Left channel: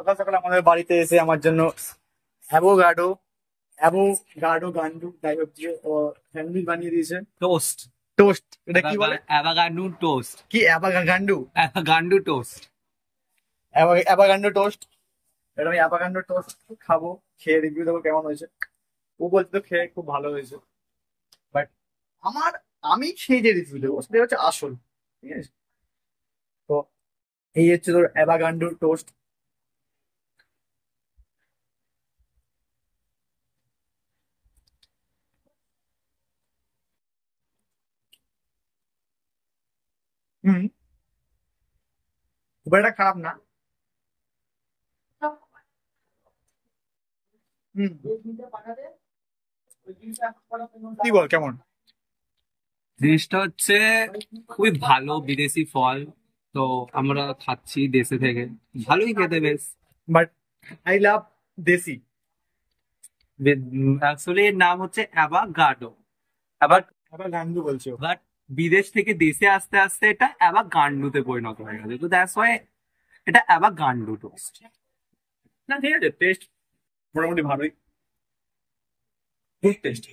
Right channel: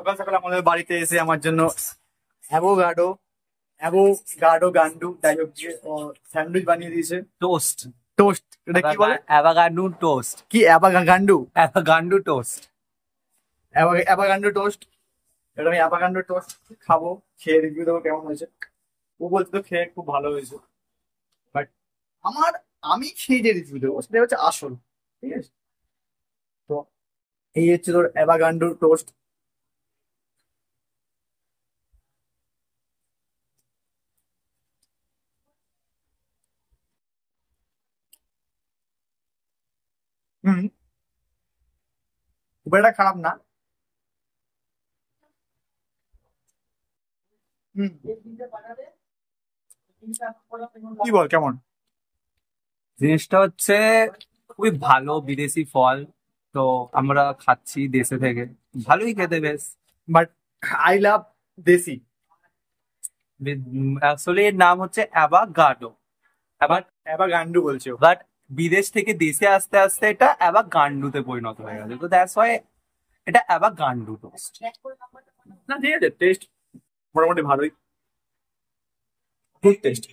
সকাল সকাল আমাদের বাড়িতে এসে আমার জন্য অ্যাভোগাডো অ্যাভোগাডো গান্ডু যাই হোক যে স্যান্ডউইচ বানিয়ে দিয়েছে। টোস্ট টোস্ট, এটা কি বলে? অ্যাভাগান্ডু টোস্ট। কি অ্যাভাগান্ডু? অ্যাভাগান্ডু টোস্ট। অ্যাভাগান্ডো টোস্ট। এটা আমি অ্যাভাগান্ডো টোস্ট খাবো, খেয়ে রিভিউ দেবো কেমন হয়েছে। ও বলছে তো খেয়ে খুব ভালো হয়েছে, বাট আমি খেয়ে যে রিভিউ দেবো সেটা হচ্ছে আসল। ঠিক আছে, তো এই হচ্ছে তোর অ্যাভাগান্ডো টোস্ট। হুম, খুব একটা খারাপ না। হুম, কি বল কেমন? জিনিসটা হচ্ছে খুবই ভালো বিদেশি ফল, তো আমরা খাচ্ছি দেশে থেকে, ভালোই খেতে বেশ। বাট আই লাভ দেশি। আসলে এর নাম হচ্ছে অ্যাভাগাডো। আবার অ্যাভাগান্ডু বলছে ও। বাট বিদেশ থেকে দেশে আসতে আসতে এটা অ্যাভাগান্ডুতে পরিণত হয়ে গেছে, তো দ্যাটস ওয়াই এটা অ্যাভাগান্ডু টোস্ট। না ঠিক আছে, টেস্ট মোটামুটি ভালোই, গুড টেস্ট।